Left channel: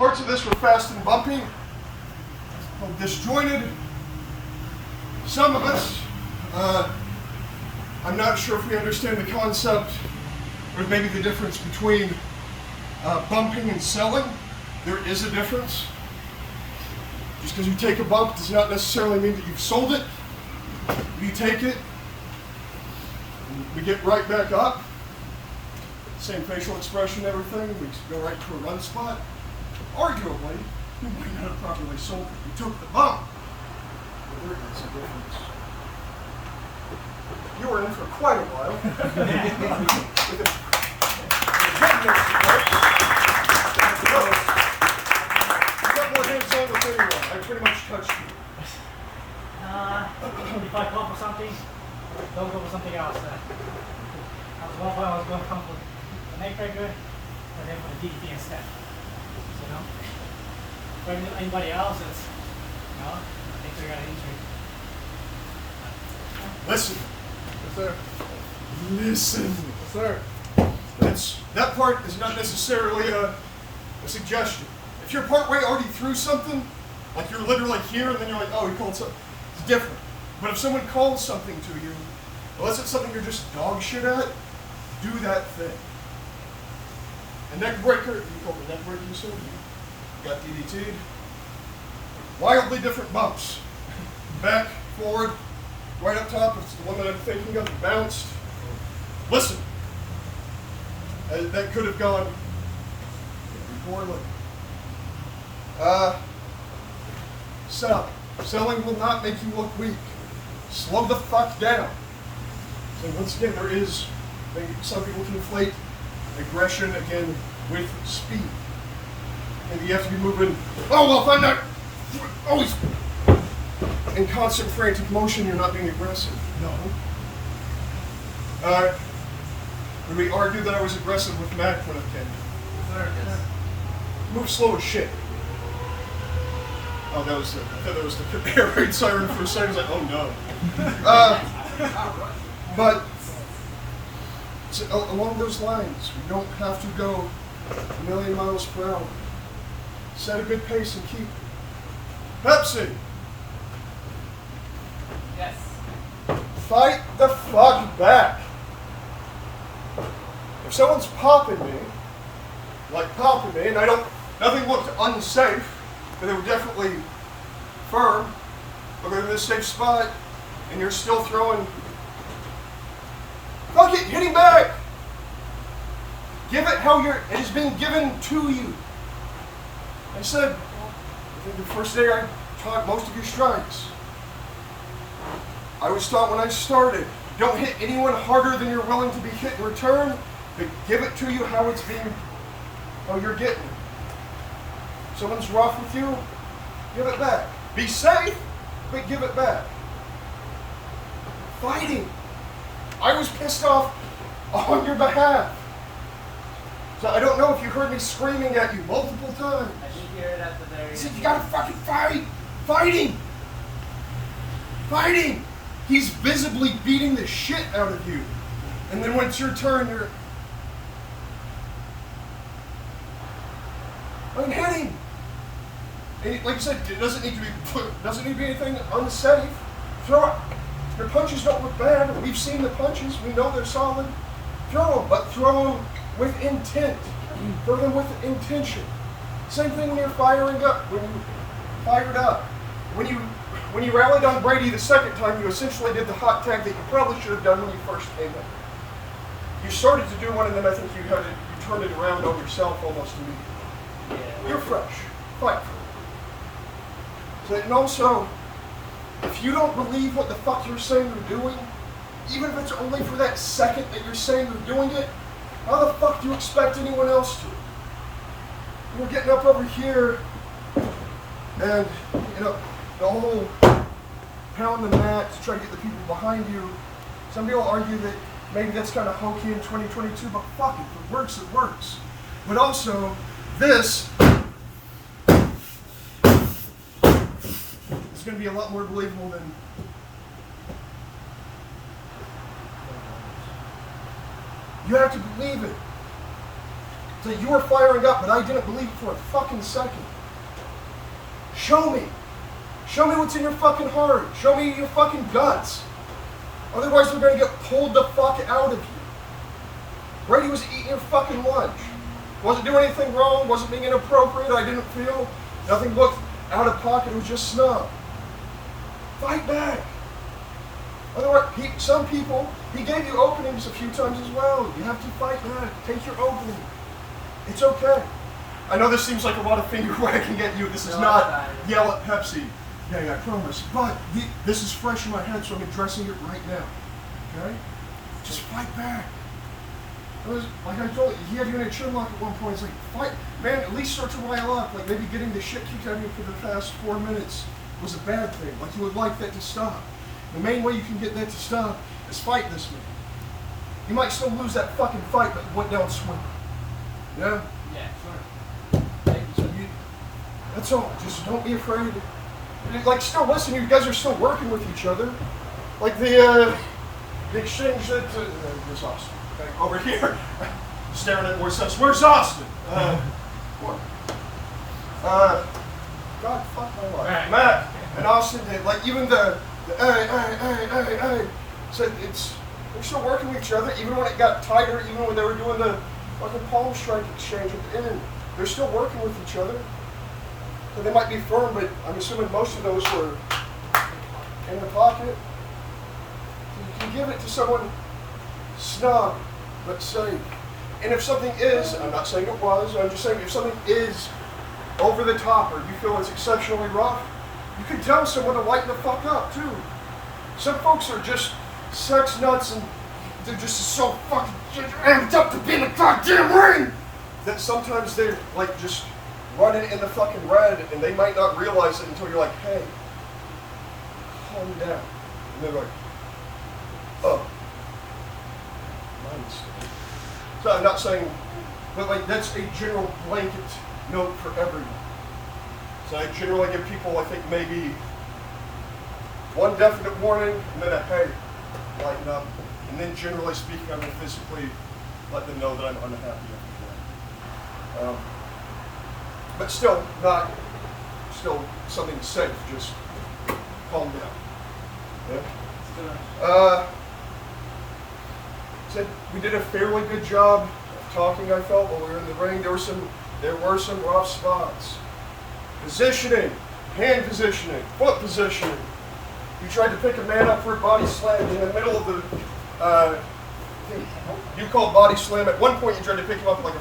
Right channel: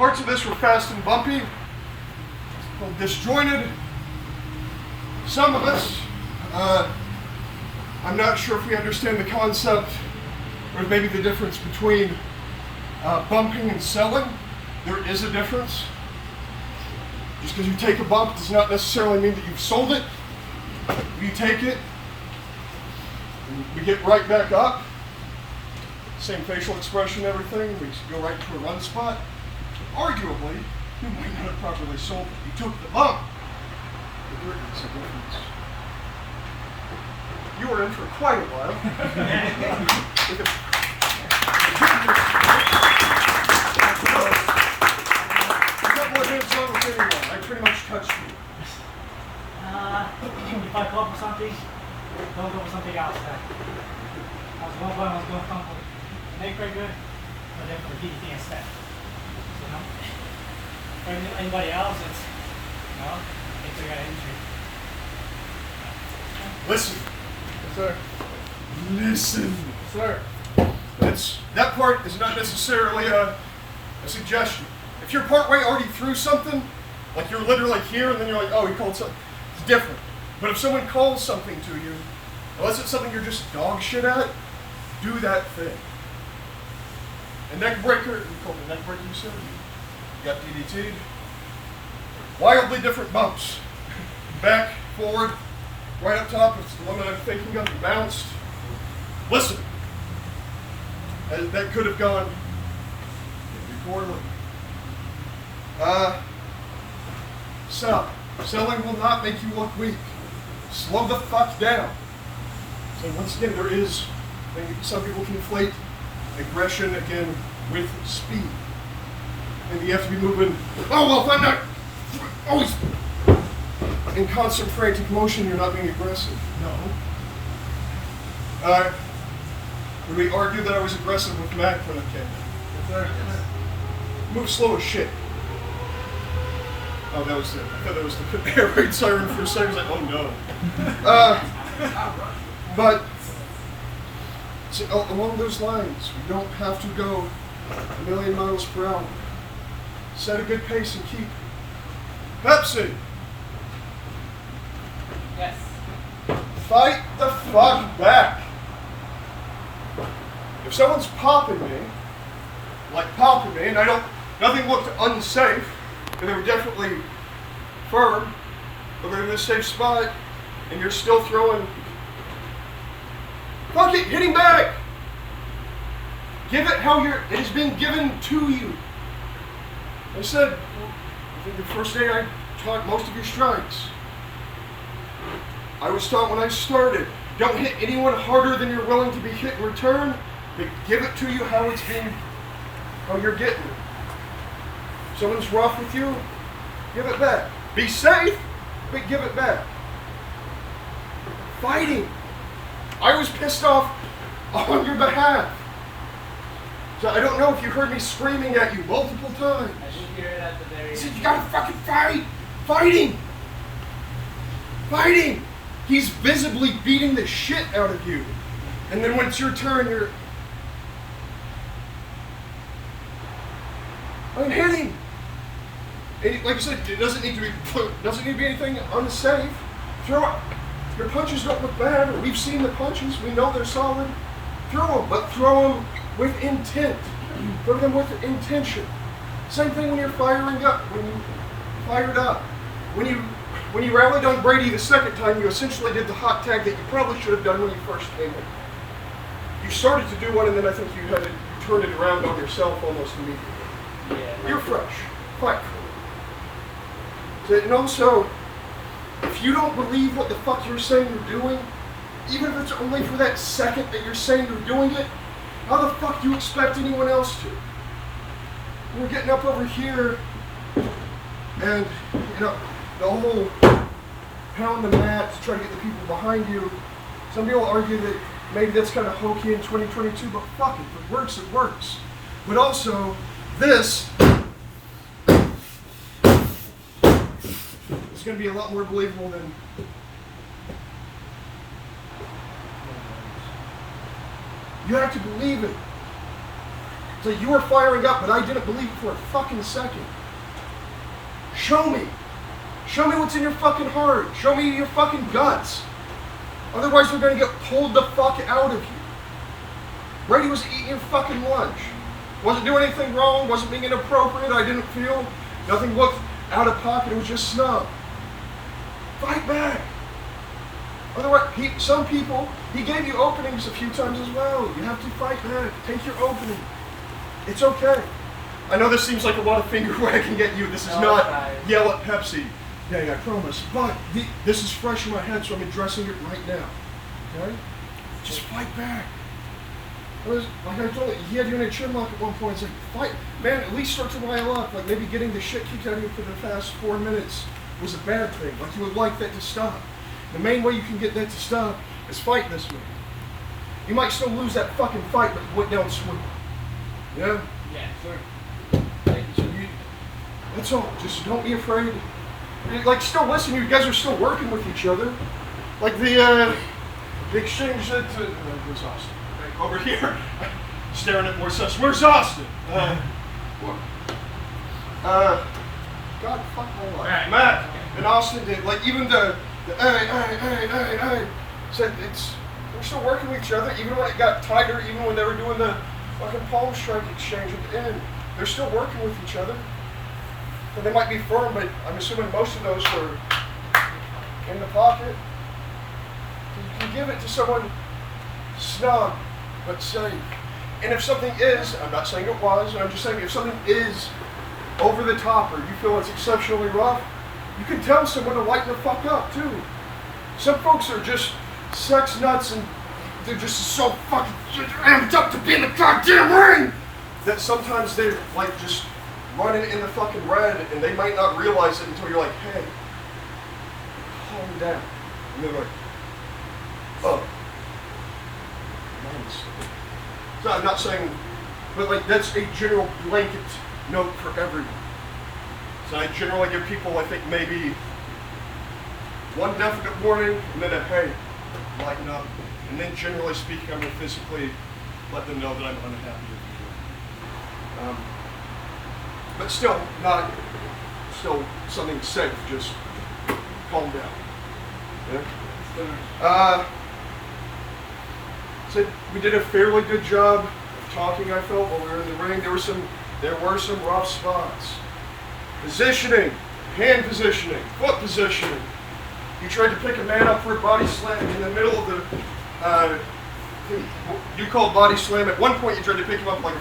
Parts of this were fast and bumpy, disjointed. Some of us, I'm not sure if we understand the concept or maybe the difference between bumping and selling. There is a difference. Just because you take a bump does not necessarily mean that you've sold it. You take it, and we get right back up. Same facial expression, everything. We go right to a run spot. Arguably, you might not have properly sold it. You took the bump. But there is a difference. You were in for quite a while. You got more hands on with anyone. I pretty much touched you. If I call for something, don't go for something else. At one point I was going to come for the neck breaker, but then for the DDT instead. So, for anybody else, it's, they figure out injury. Listen. Yes, sir. Listen. Yes, sir. That part is not necessarily a suggestion. If you're partway already through something, like you're literally here and then you're like, oh, he called something, it's different. But if someone calls something to you, unless it's something you're just dog shit at, do that thing. A neck breaker, you called it a neck breaker, you said? You got DDT'd. Wildly different bumps. Back, forward, right up top, it's the one that I'm thinking of, you bounced. Listen, that could have gone poorly. Selling will not make you look weak. Slow the fuck down. So once again, some people conflate aggression again with speed. Maybe you have to be moving, oh well, if I'm not always in constant frantic motion, you're not being aggressive. No. Would we argue that I was aggressive with Mac when I came? Yes, sir. Yes. Move slow as shit. Oh, I thought that was the air raid siren for a second. I was like, oh no. But so along those lines, we don't have to go a million miles per hour. Set a good pace and keep. Pepsi. Yes. Fight the fuck back. If someone's popping me, and nothing looked unsafe, but they were definitely firm, or they're in a safe spot, and you're still throwing, fuck it, hitting back. Give it how it is being given to you. I said, I think the first day I taught most of your strikes. I was taught when I started, don't hit anyone harder than you're willing to be hit in return, but give it to you how you're getting. If someone's rough with you, give it back. Be safe, but give it back. Fighting. I was pissed off on your behalf. So I don't know if you heard me screaming at you multiple times. I didn't hear it at the very end. I said, you gotta fucking fight! Fighting! Fighting! He's visibly beating the shit out of you. And then when it's your turn, I'm hitting. And like I said, it doesn't need to be anything unsafe. Throw it. Your punches don't look bad. We've seen the punches. We know they're solid. Throw them, but throw them with intent. Throw them with intention. Same thing when you're firing up. When you fired up. When you rallied on Brady the second time, you essentially did the hot tag that you probably should have done when you first came in. You started to do one, and then I think you turned it around on yourself almost immediately. Yeah. You're fresh. Fight. And also, if you don't believe what the fuck you're saying you're doing, even if it's only for that second that you're saying you're doing it, how the fuck do you expect anyone else to? You're getting up over here, and the whole pound the mat to try to get the people behind you. Some people argue that maybe that's kind of hokey in 2022, but fuck it. If it works, it works. But also, this is going to be a lot more believable than you have to believe it. So you were firing up, but I didn't believe it for a fucking second. Show me. Show me what's in your fucking heart. Show me your fucking guts. Otherwise, we're gonna get pulled the fuck out of you. Brady was eating your fucking lunch. Wasn't doing anything wrong. Wasn't being inappropriate. I didn't feel. Nothing looked out of pocket. It was just snub. Fight back. Otherwise, some people, he gave you openings a few times as well. You have to fight back. Take your opening. It's okay. I know this seems like a lot of finger wagging at you. This is not yell at Pepsi. Yeah, I promise. But this is fresh in my head, so I'm addressing it right now. Okay? Just fight back. Like I told you, he had you in a chin lock at one point. It's like, fight. Man, at least start to rile up. Like maybe getting the shit kicked out of you for the past 4 minutes was a bad thing. Like you would like that to stop. The main way you can get that to stop is fight this way. You might still lose that fucking fight, but you went down swinging. Yeah? Yeah, sure. So that's all. Just don't be afraid. Like, still listen, you guys are still working with each other. Like the exchange that where's Austin? Okay, over here. Staring at Moises. Where's Austin? God, fuck my life. Matt and Austin did. Like, even the hey. Said they're still working with each other, even when it got tighter, even when they were doing the fucking palm strike exchange at the end. They're still working with each other. So they might be firm, but I'm assuming most of those were in the pocket. You can give it to someone snug, but safe. And if something is, I'm not saying it was, I'm just saying if something is over the top or you feel it's exceptionally rough, you can tell someone to lighten the fuck up too. Some folks are just sex nuts and they're just so fucking amped up to be in the goddamn ring that sometimes they're like just running in the fucking red and they might not realize it until you're like, hey, calm down. And they're like, oh. So I'm not saying, but like that's a general blanket note for everyone. So I generally give people, I think, maybe one definite warning and then a hey, lighten up. And then generally speaking, I'm going to physically let them know that I'm unhappy with you. But still something safe, just calm down. Yeah? So we did a fairly good job of talking, I felt, while we were in the ring. There were some rough spots. Positioning, hand positioning, foot positioning. You tried to pick a man up for a body slam in the middle of the, you called body slam. At one point you tried to pick him up like a